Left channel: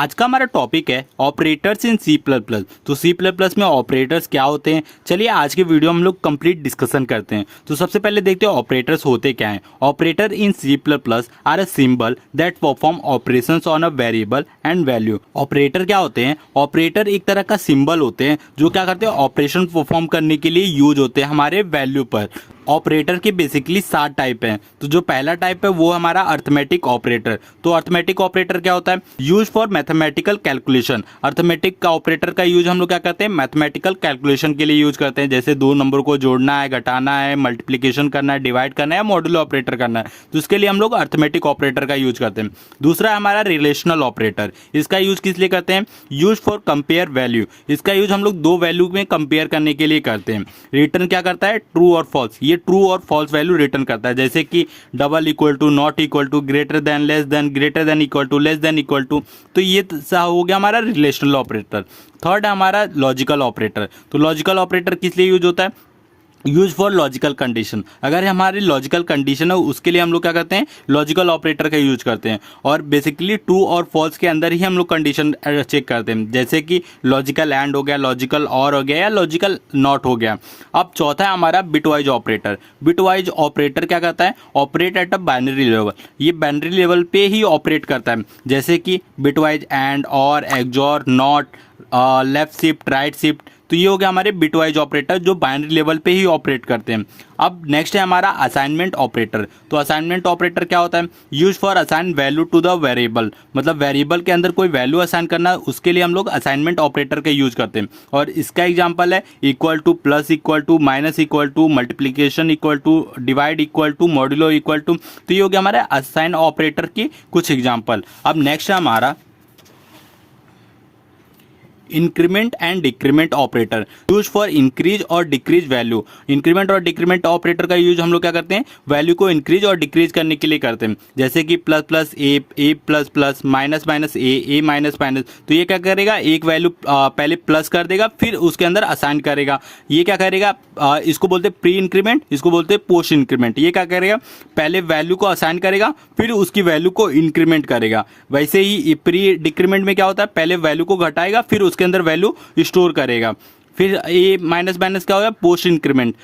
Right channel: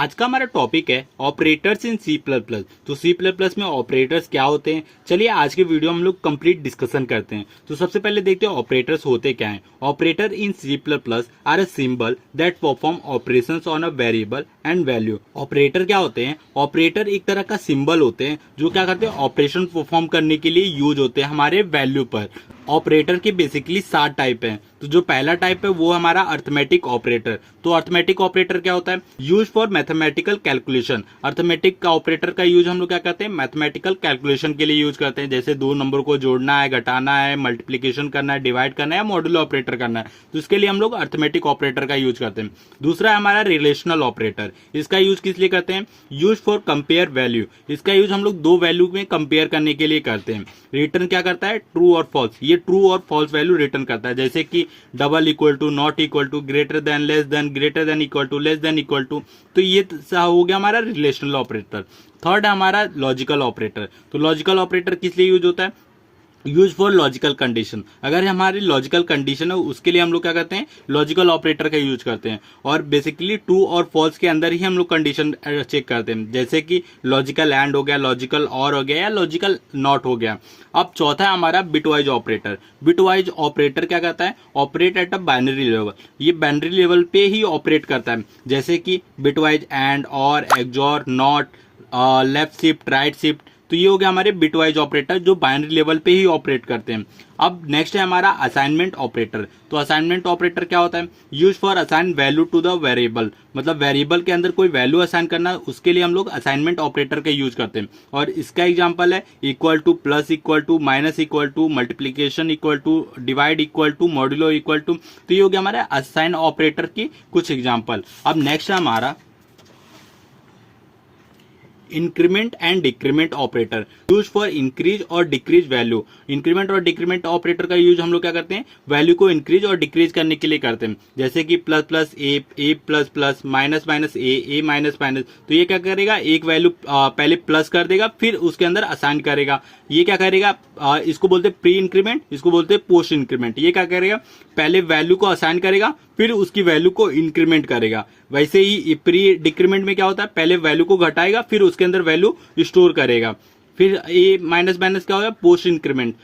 आज का हमारा टॉपिक है operators in C plus plus. तो सी प्लस प्लस में ऑपरेटर्स क्या होते हैं, चलिए आज के वीडियो में हम लोग कंप्लीट डिस्कशन करते हैं। तो सबसे पहले देखते हैं ऑपरेटर्स होते क्या हैं। Operator in C plus plus are a symbol that perform operations on a variable and value. Operator क्या होते हैं? ऑपरेटर एक तरह का सिंबल होते हैं जो क्या करते हैं, ऑपरेशन परफॉर्म करने के लिए यूज होते हैं हमारे वैल्यू पर। ऑपरेटर के बेसिकली 7 टाइप हैं। तो जो पहला टाइप है वो हमारा अर्थमेटिक ऑपरेटर। तो अर्थमेटिक ऑपरेटर क्या होता है? Use for mathematical calculation. Arithmetic का ऑपरेटर का यूज हम लोग क्या करते हैं, मैथमेटिकल कैलकुलेशन के लिए यूज करते हैं। जैसे दो नंबर को जोड़ना है, घटाना है, मल्टीप्लीकेशन करना है, डिवाइड करना है, मॉड्यूलो ऑपरेटर करना है, तो इसके लिए हम लोग अर्थमेटिक ऑपरेटर का यूज करते हैं। दूसरा है हमारा रिलेशनल ऑपरेटर। इसका यूज किस लिए करते हैं? Use for compare value. इसका यूज हम लोग दो वैल्यू में कंपेयर करने के लिए करते हैं। रिटर्न क्या करता है? ट्रू और फॉल्स। ये ट्रू और फॉल्स वैल्यू रिटर्न करता है, जैसे कि double equal to, not equal to, greater than, less than, greater than equal to, less than equal to. तो ये हो गया हमारा रिलेशनल ऑपरेटर। थर्ड है हमारा लॉजिकल ऑपरेटर। तो लॉजिकल ऑपरेटर किस लिए यूज होता है? Use for logical condition. अगर हमारी लॉजिकल कंडीशन है उसके लिए हम लोग क्या करते हैं, लॉजिकल ऑपरेटर का यूज करते हैं। और बेसिकली ट्रू और फॉल्स के अंदर ही हम लोग कंडीशन चेक करते हैं, जैसे कि लॉजिकल एंड हो गया, लॉजिकल और हो गया, या लॉजिकल नॉट हो गया। अब चौथा है हमारा बिटवाइज ऑपरेटर। बिटवाइज ऑपरेटर क्या करता है? Operate at a binary level. ये बाइनरी लेवल पे ही ऑपरेट करता है, जैसे कि बिटवाइज एंड, और, XOR, not, left shift, right shift. तो ये हो गया हमारे बिटवाइज ऑपरेटर जो बाइनरी लेवल पे ही ऑपरेट करते हैं। अब नेक्स्ट है हमारा असाइनमेंट ऑपरेटर। तो असाइनमेंट ऑपरेटर क्या होता है? Use for assign value to the variable. मतलब वेरिएबल के अंदर कोई वैल्यू असाइन करना, उसके लिए हम लोग असाइनमेंट ऑपरेटर का यूज करते हैं। और इसका एग्जांपल है equal to, plus equal to, minus equal to, multiplication equal to, divide equal to, modulo equal to. तो ये हो गया हमारे असाइन ऑपरेटर की कुछ एग्जाम्पल। अब नेक्स्ट है हमारा increment and decrement operator. Use for increase और डिक्रीज वैल्यू। इंक्रीमेंट और डिक्रीमेंट ऑपरेटर का यूज हम लोग क्या करते हैं, वैल्यू को इंक्रीज और डिक्रीज करने के लिए करते हैं, जैसे कि प्लस प्लस ए प्लस प्लस, माइनस माइनस ए माइनस माइनस। तो ये क्या करेगा, एक वैल्यू पहले प्लस कर देगा, फिर उसके अंदर असाइन करेगा। ये क्या करेगा, इसको बोलते हैं प्री इंक्रीमेंट, इसको बोलते हैं पोस्ट इंक्रीमेंट। ये क्या करेगा, पहले वैल्यू को असाइन करेगा, फिर उसकी वैल्यू को इंक्रीमेंट करेगा। वैसे ही प्री डिक्रीमेंट में क्या होता है, पहले वैल्यू को घटाएगा, फिर उसके अंदर वैल्यू स्टोर करेगा। फिर ए माइनस माइनस क्या होगा, पोस्ट इंक्रीमेंट।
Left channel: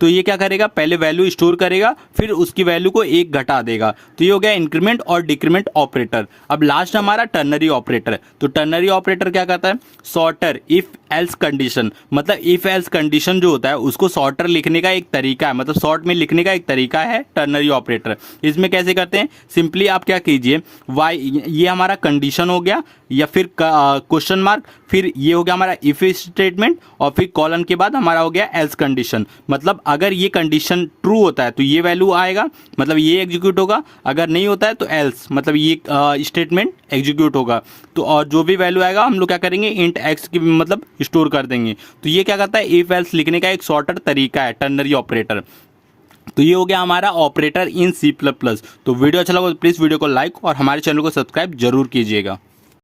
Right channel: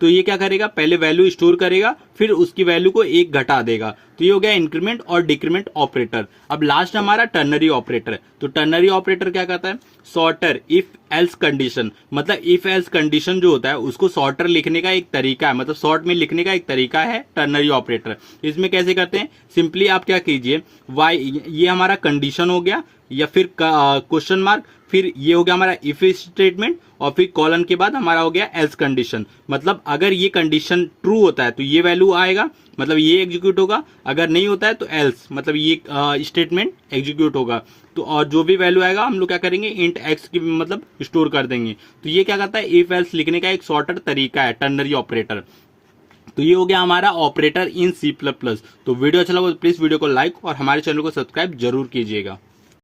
तो ये क्या करेगा, पहले वैल्यू स्टोर करेगा, फिर उसकी वैल्यू को एक घटा देगा। तो ये हो गया इंक्रीमेंट और डिक्रीमेंट ऑपरेटर। अब लास्ट हमारा टर्नरी ऑपरेटर। तो टर्नरी ऑपरेटर क्या करता है, सॉर्टर इफ एल्स कंडीशन। मतलब इफ एल्स कंडीशन जो होता है उसको सॉर्टर लिखने का एक तरीका है, मतलब शॉर्ट में लिखने का एक तरीका है टर्नरी ऑपरेटर। इसमें कैसे करते हैं, सिंपली आप क्या कीजिए, वाई, ये हमारा कंडीशन हो गया, या फिर क्वेश्चन मार्क, फिर ये हो गया हमारा इफ स्टेटमेंट, और फिर कॉलन के बाद हमारा हो गया एल्स कंडीशन। मतलब अगर ये कंडीशन ट्रू होता है तो ये वैल्यू आएगा, मतलब ये एग्जीक्यूट होगा। अगर नहीं होता है तो एल्स, मतलब ये स्टेटमेंट एग्जीक्यूट होगा। तो और जो भी वैल्यू आएगा हम लोग क्या करेंगे, इंट एक्स की मतलब स्टोर कर देंगे। तो ये क्या करता है, इफ एल्स लिखने का एक शॉर्टर तरीका है टर्नरी ऑपरेटर। तो ये हो गया हमारा operator in C plus plus. तो वीडियो अच्छा लगा तो प्लीज वीडियो को लाइक और हमारे चैनल को सब्सक्राइब जरूर कीजिएगा।